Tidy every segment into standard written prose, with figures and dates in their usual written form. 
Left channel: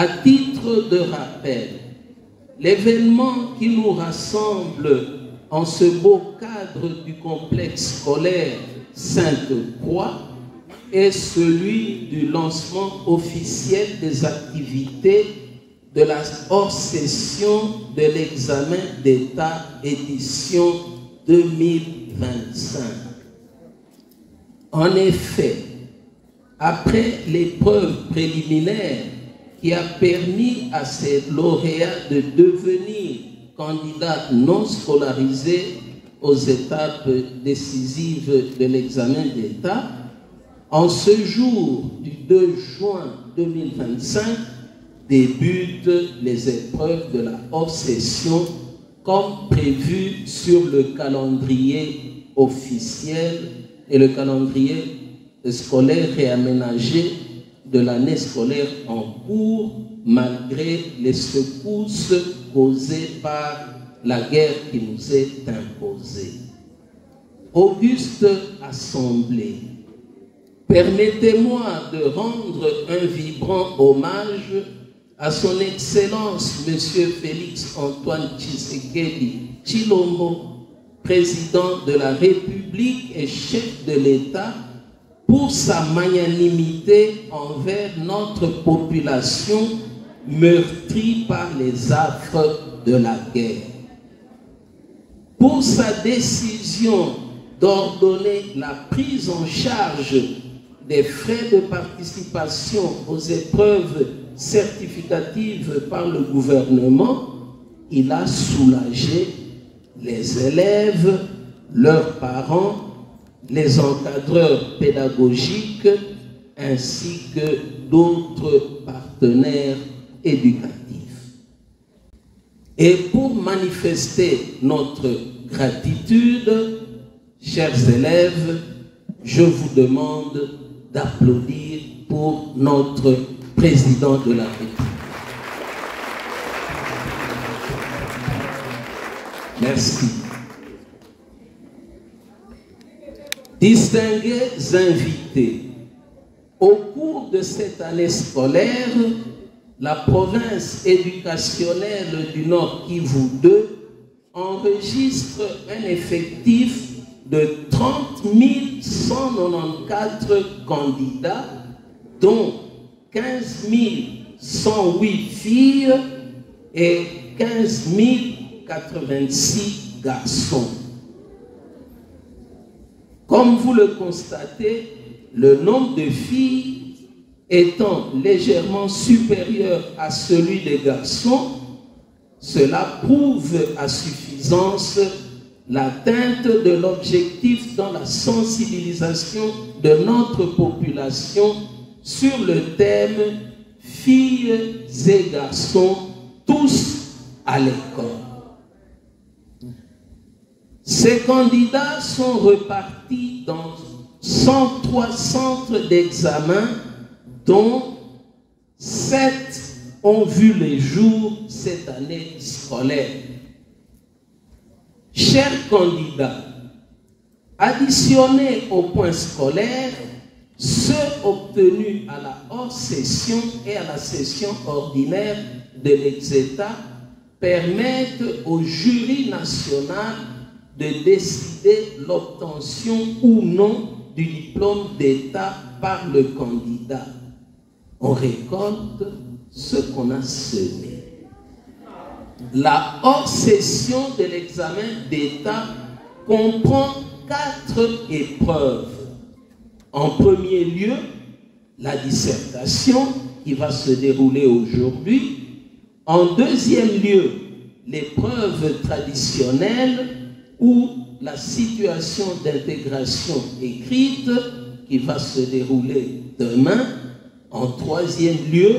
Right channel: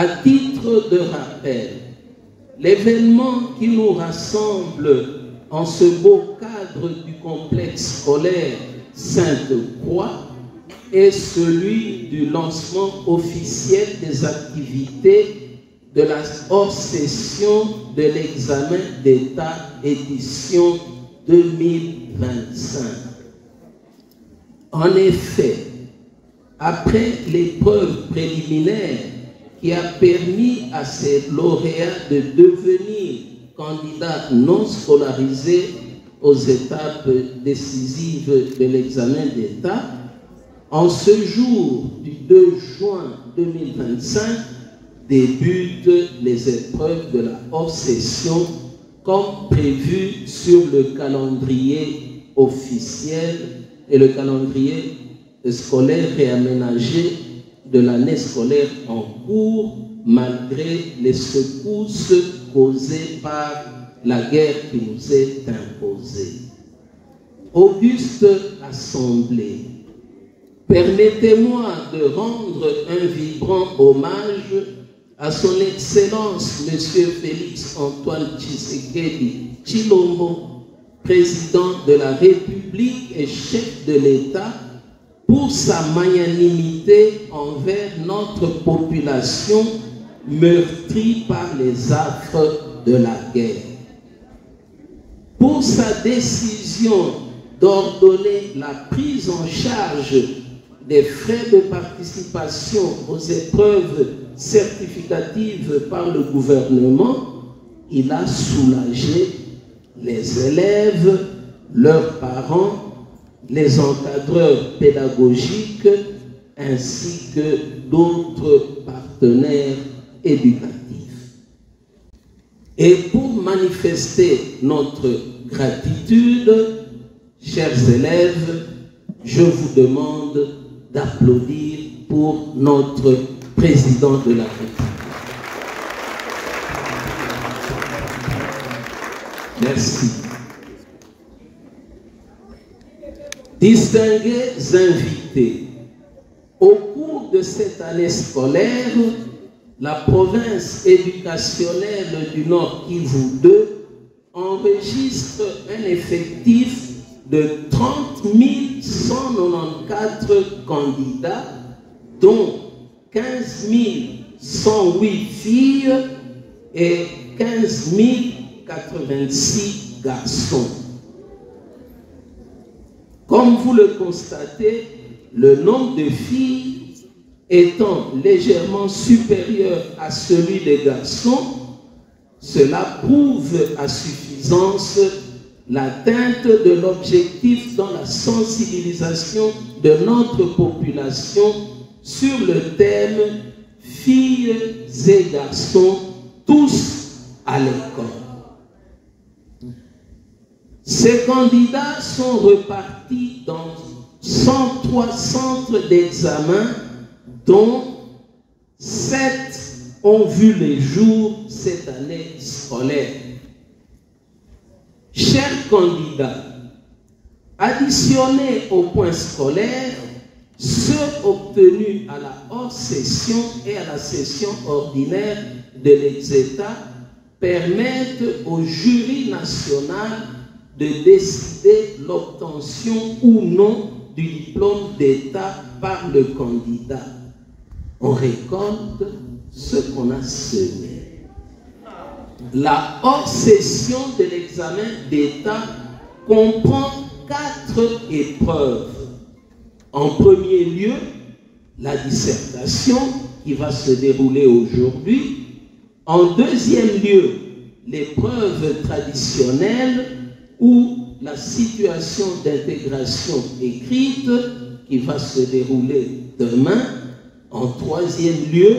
À titre de rappel, l'événement qui nous rassemble en ce beau cadre du complexe scolaire Sainte-Croix est celui du lancement officiel des activités de la hors-session de l'examen d'État édition 2025. En effet, après l'épreuve préliminaire qui a permis à ces lauréats de devenir candidats non scolarisés aux étapes décisives de l'examen d'État, en ce jour du 2 juin 2025, débutent les épreuves de la hors-session comme prévu sur le calendrier officiel et le calendrier scolaire réaménagé de l'année scolaire en cours, malgré les secousses causées par la guerre qui nous est imposée. Auguste Assemblée, permettez-moi de rendre un vibrant hommage à son Excellence M. Félix Antoine Tshisekedi Tshilombo, président de la République et chef de l'État, pour sa magnanimité envers notre population meurtrie par les affres de la guerre. Pour sa décision d'ordonner la prise en charge des frais de participation aux épreuves certificatives par le gouvernement, il a soulagé les élèves, leurs parents, les encadreurs pédagogiques ainsi que d'autres partenaires éducatifs. Et pour manifester notre gratitude, chers élèves, je vous demande d'applaudir pour notre président de la République. Merci. Distingués invités, au cours de cette année scolaire, la province éducationnelle du Nord Kivu 2 enregistre un effectif de 30 194 candidats, dont 15 108 filles et 15 086 garçons. Comme vous le constatez, le nombre de filles étant légèrement supérieur à celui des garçons, cela prouve à suffisance l'atteinte de l'objectif dans la sensibilisation de notre population sur le thème « Filles et garçons, tous à l'école ». Ces candidats sont repartis dans 103 centres d'examen, dont 7 ont vu les jours cette année scolaire. Chers candidats, additionnés au point scolaire, ceux obtenus à la hors-session et à la session ordinaire de l'exétat permettent au jury national de décider l'obtention ou non du diplôme d'État par le candidat. On récolte ce qu'on a semé. La hors-session de l'examen d'État comprend 4 épreuves. En premier lieu, la dissertation qui va se dérouler aujourd'hui. En deuxième lieu, l'épreuve traditionnelle ou la situation d'intégration écrite qui va se dérouler demain. En troisième lieu,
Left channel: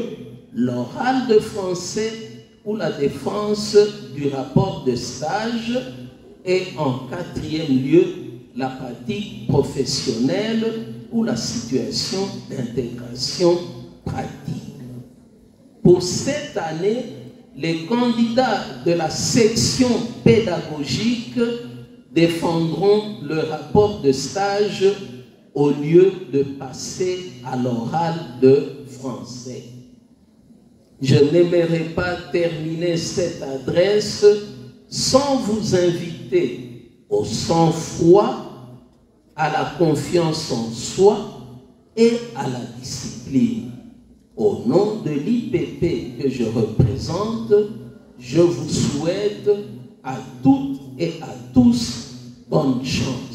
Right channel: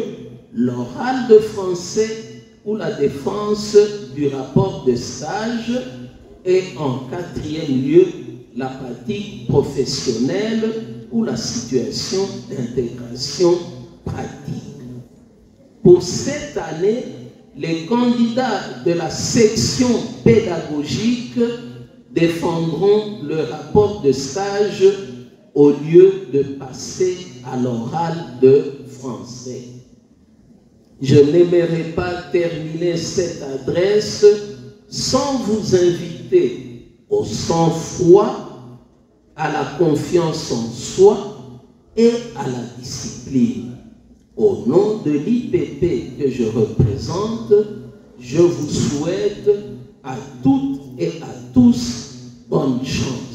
l'oral de français ou la défense du rapport de stage. Et en quatrième lieu, la pratique professionnelle ou la situation d'intégration pratique. Pour cette année, les candidats de la section pédagogique défendront le rapport de stage au lieu de passer à l'oral de français. je n'aimerais pas terminer cette adresse sans vous inviter au sang-froid, à la confiance en soi et à la discipline. Au nom de l'IPP que je représente, je vous souhaite à toutes et à tous bonne chance.